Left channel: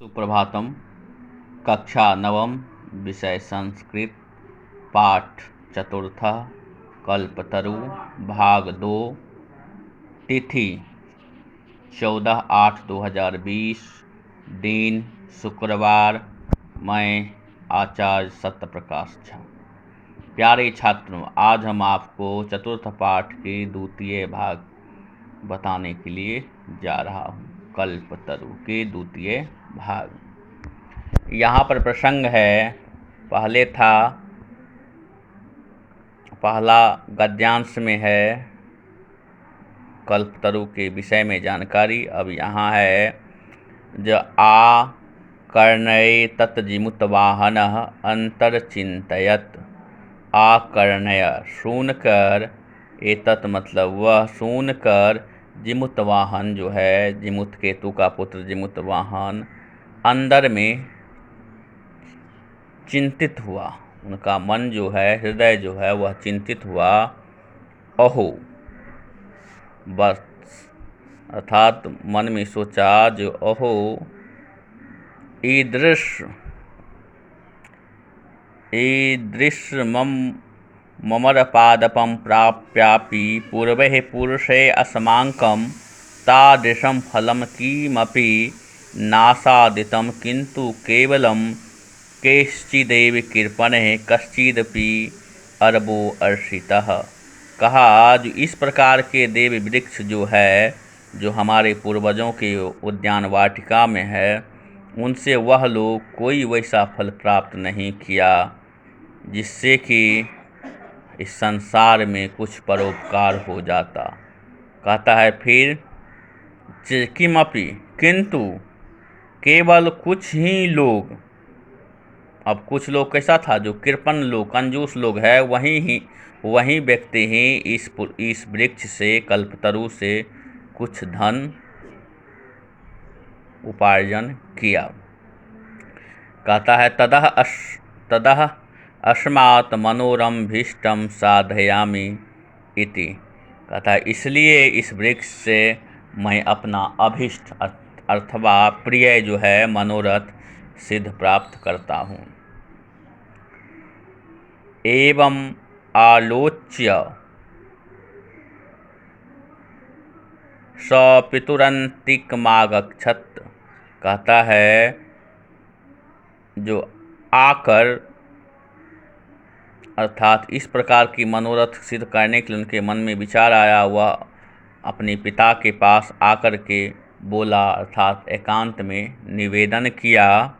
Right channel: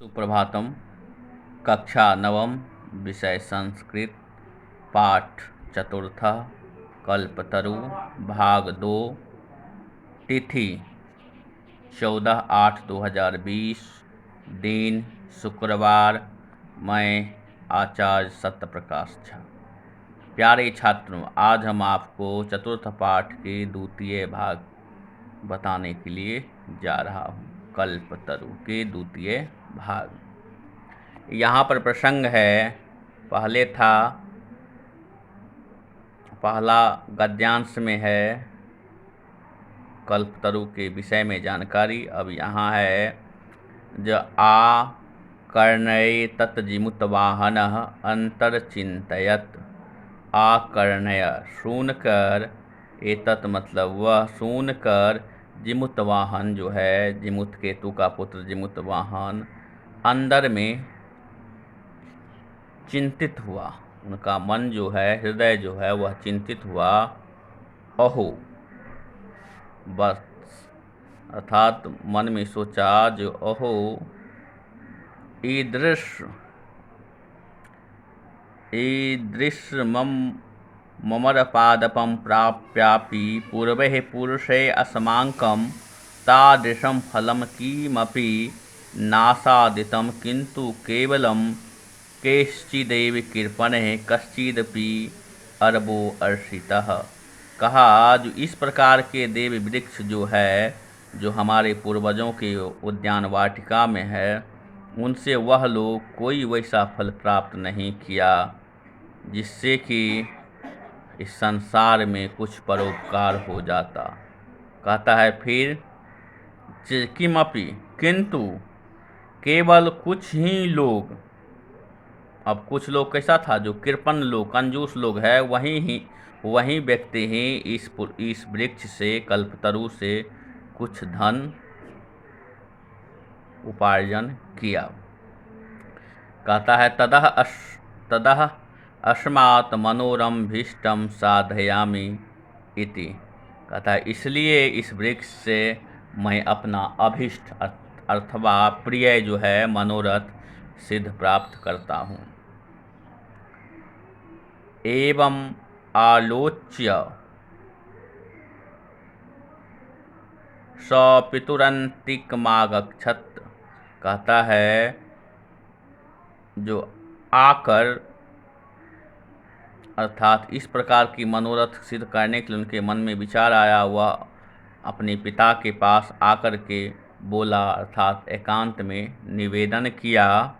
सुप्रभातम। कक्षा नवम, विषय संस्कृत, पाठ चतुर्थ, कल्पतरु, भाग 2, तिथि 14/8/2020, दिन शुक्रवार। मैं आचार्य सत्यप्रकाश झा। प्यारे छात्रों, आज हम आपको चतुर्थ पाठ के द्वितीय भाग बताने के लिए जा रहा हूँ। कल्पतरु के द्वितीय भाग। यहाँ पर प्रसंग है, पहला गद्यांश में है कल्पतरु के विषय में जानकारी। अब यहाँ है जो आ कर्णय तत्जिमुतवाहन अंतरचिंतयत। आकर्णय सुनकर, एतत् मतलब वह सुनकर, जिमुतवाहन जो है जिमुत केतु का पुत्र जिमुतवाहन, अंदर में चिंतित हुआ। उनका मन जो है, हृदय जो है वह चिंतित हुआ। अहो, बस अर्थात मन में सोचा जो अहो ईदृश ममरपादपं प्राप्यापि पूर्वे पुरुषे अस्माकं तादृशं फलं किमपि नासादितं, किन्तु केवलं केश्चिदेव कृपणः कश्चिदपि अरबो अर्षितः। कहा जो इस प्रकार के देव वृक्ष जो है, जो हमारे पूर्वजों के उद्यान वाटिका में है, उनसे वह लोग कोई वैसा फल प्राप्त नहीं किया जिससे कि इस संसार में कुछ परोपकार हो जाता। कहता है फिर किमपि, किंतु केवल कुछ ही लोग। अब कुछ लोग कैसा था, जो कृपण लोग, कंजूस लोग है, वही व्यक्ति ही इस वृक्ष से, कल्पतरु से कुछ धन उपार्जन किया। कहता है तदह अस्मात् मनोरम्भीष्टं साधयामि इति। कहता है इसलिए इस वृक्ष से मैं अपना अभीष्ट अथवा प्रिय जो है मनोरथ सिद्ध प्राप्त करता हूँ। एवं आलोच्य स पितुरन्तिकमागच्छत्। कहता है जो आकर, अर्थात इस प्रकार की मनोरथ सिद्ध करने के लिए उनके मन में विचार आया, वह अपने पिता के पास आकर के बोला, अर्थात एकांत में निवेदन किया।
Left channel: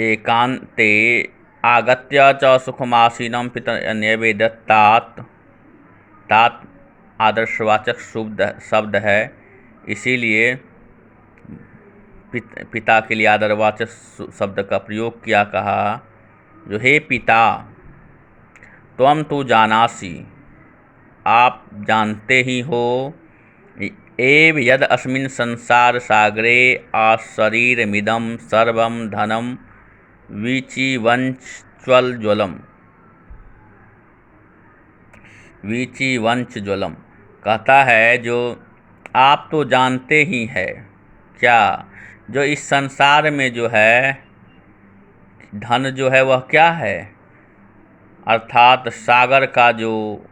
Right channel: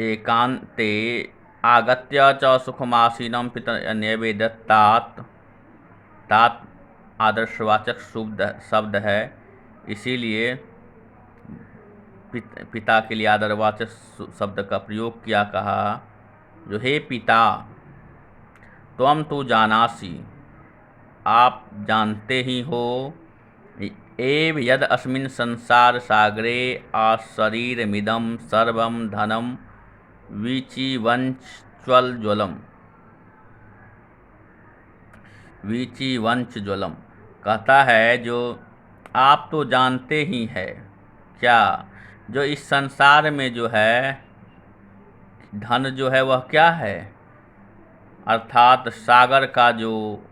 एकांते आगत्य च सुखमासीनं पितरन्यवेदत्। तात आदर्शवाचक शब्द है, इसीलिए पिता के लिए आदरवाचक शब्द का प्रयोग किया। कहा जो हे पिता, त्वं तु जानासि, आप जानते ही हो, एव यद अस्मिन् संसार सागरे आशरीरमिदं सर्वं धनं वीचिवंचज्वलम। कहता है जो आप तो जानते ही है क्या, जो इस संसार में जो है धन जो है वह क्या है, अर्थात सागर का जो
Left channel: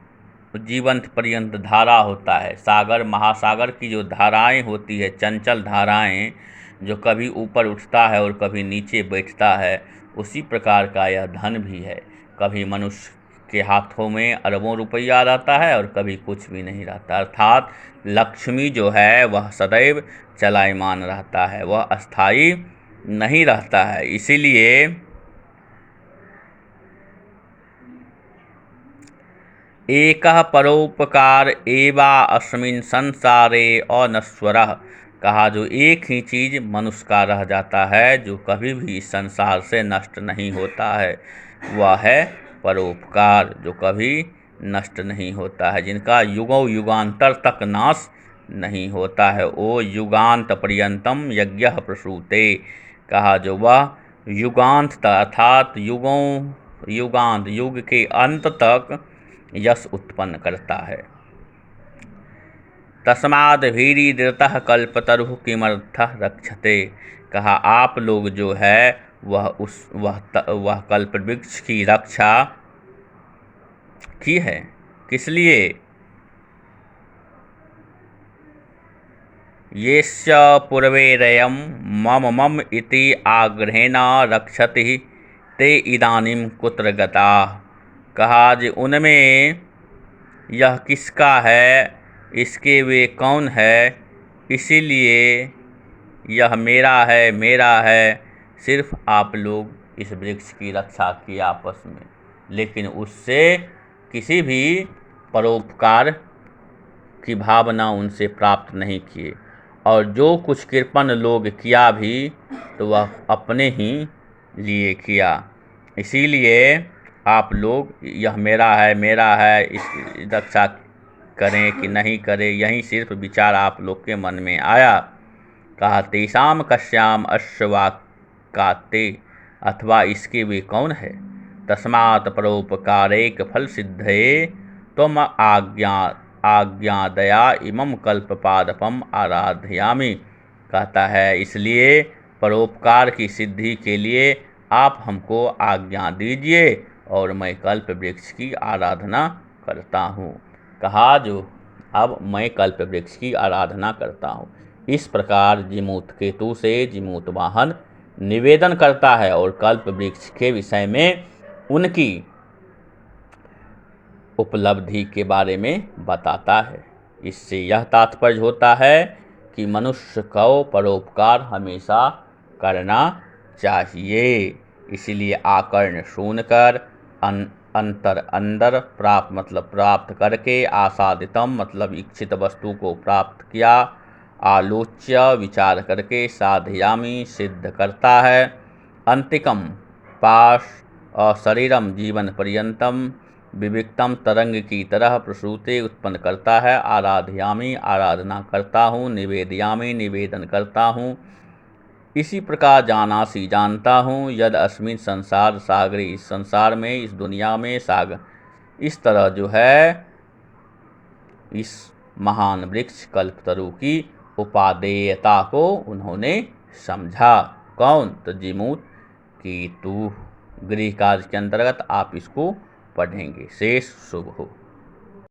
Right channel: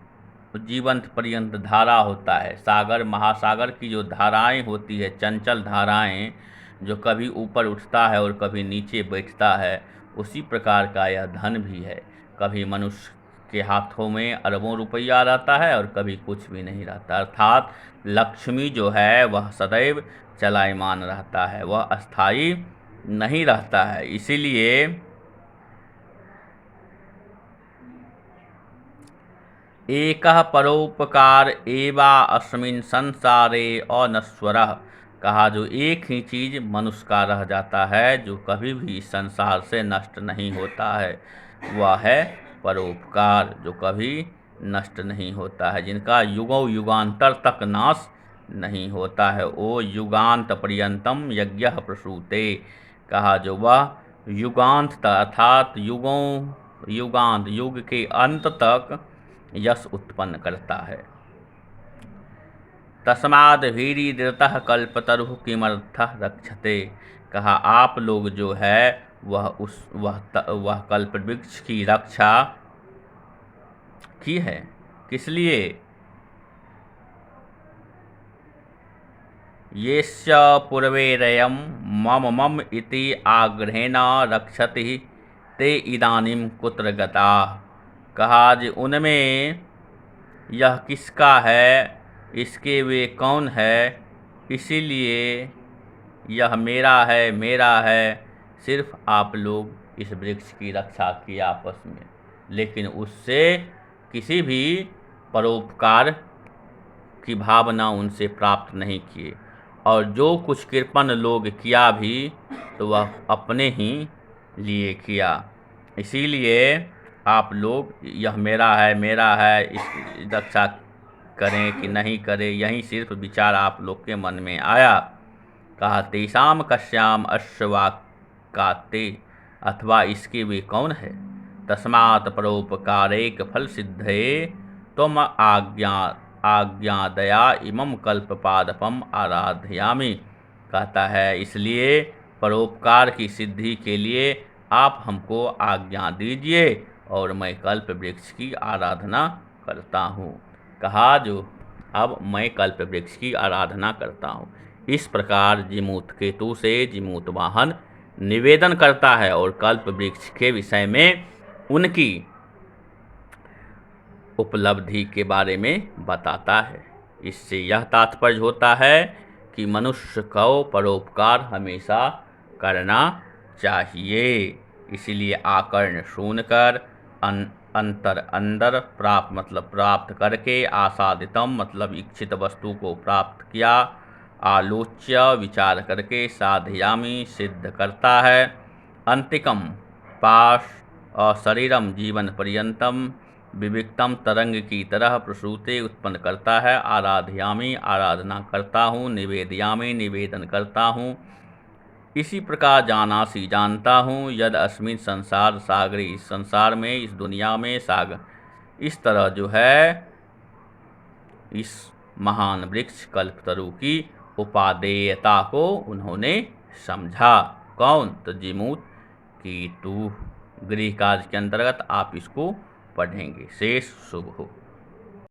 जीवंत पर्यंत धारा होता है, सागर महासागर की जो धाराएं होती है, चंचल धाराएं, जो कभी ऊपर उठता है और कभी नीचे बैठता है, उसी प्रकार का यह धन भी है। कभी मनुष्य के हाथों में अरबों रुपया रहता है और कभी कुछ भी नहीं रहता। अर्थात लक्ष्मी जो है वह सदैव चलायमान रहता है, वह अस्थायी नहीं रहता है। इसीलिए एकः परोपकार एवा अस्मिन् संसारे अनश्वरः। कहा जो एक ही चीज़ मनुष्य का रह जाता है, जो कभी भी इस संसार से नष्ट नहीं होता है, वह है परोपकार, जो कभी नष्ट नहीं होता है, जिनका युगों युगांतर तक नाश नहीं होता है। ओ युगांत पर्यंतम यज्ञ प्रसूते। कहा जो वह युगांत अर्थात युग के अंत तक यश उत्पन्न करता है। तस्माद् भीरिदृतः कल्पतरुः किमर्थः रक्षते। कहा आप लोग जो है वह कल्पवृक्ष की रक्षा की है, किस लिए? येस्य पूर्वैरयं मम मम इति आग्रहेण रक्षति ते इदानीं कुत्र गताः। कहा कि उनमें यह किसका है, इसके वे कौन है, इसीलिए यह मेरा है। सिर्फ आप लोग इस वृक्ष की रक्षा की आपस में, लेकिन उससे किसी भी परोपकार की भावना उनसे प्राप्त नहीं किए, और जो कुछ कृपण लोग किया भी तो वह अपने ही लिए किया। इसीलिए आप लोग यह मेरा है इसकी रक्षा करें कि नहीं करें, यही सिर्फ विचार आप लोग के मन में आया। कहा तेषां कस्याम अश्वाकाते, अथवा इसके वे कौन है। तस्मात् परोपकारेक फल सिद्धये त्वम आज्ञादया इमं कल्पपादपम आराधयामि। कहता है इसलिए परोपकार की सिद्धि के लिए आप हमको आज्ञा दीजिए और मैं कल्प वृक्ष की आराधना करता हूँ। कहा जो अब मैं कल्प वृक्ष की आराधना करता हूँ। इस प्रकार जिमूत केतु से जिमूत वाहन निवेदन करता है और कल्प वृक्ष के विषय में उनकी उपलब्धि के बारे में बताता है। इससे यह तात्पर्य होता है कि मनुष्य को परोपकार हमेशा करना चाहिए। इसीलिए आकर्ण सुनकर अंदर प्राप्त मतलब प्राप्त करके, आसादितम मतलब इच्छित वस्तु को प्राप्त किया, आलोच्य विचार करके, साधयामी सिद्ध करता है, अंतिकम पाश शरीरम जीवन पर्यंतम विविक्तम तरंग की तरह प्रसूते उत्पन्न करता है, आराधयामी आराधना करता हूँ, निवेदयामी निवेदन करता हूँ। इसी प्रकार जानासी जानता हूँ, यद अस्मिन संसार सागरे इस संसार में इस दुनिया में सागर इस तरह जो है इस महान वृक्ष कल्पतरु की उपादेयता को उन्होंने समझा। कौन? तो जिमूत केतु। गृह कार्य के अंतर्गत आप इसको पढ़ेंगे। शेष शुभ हो।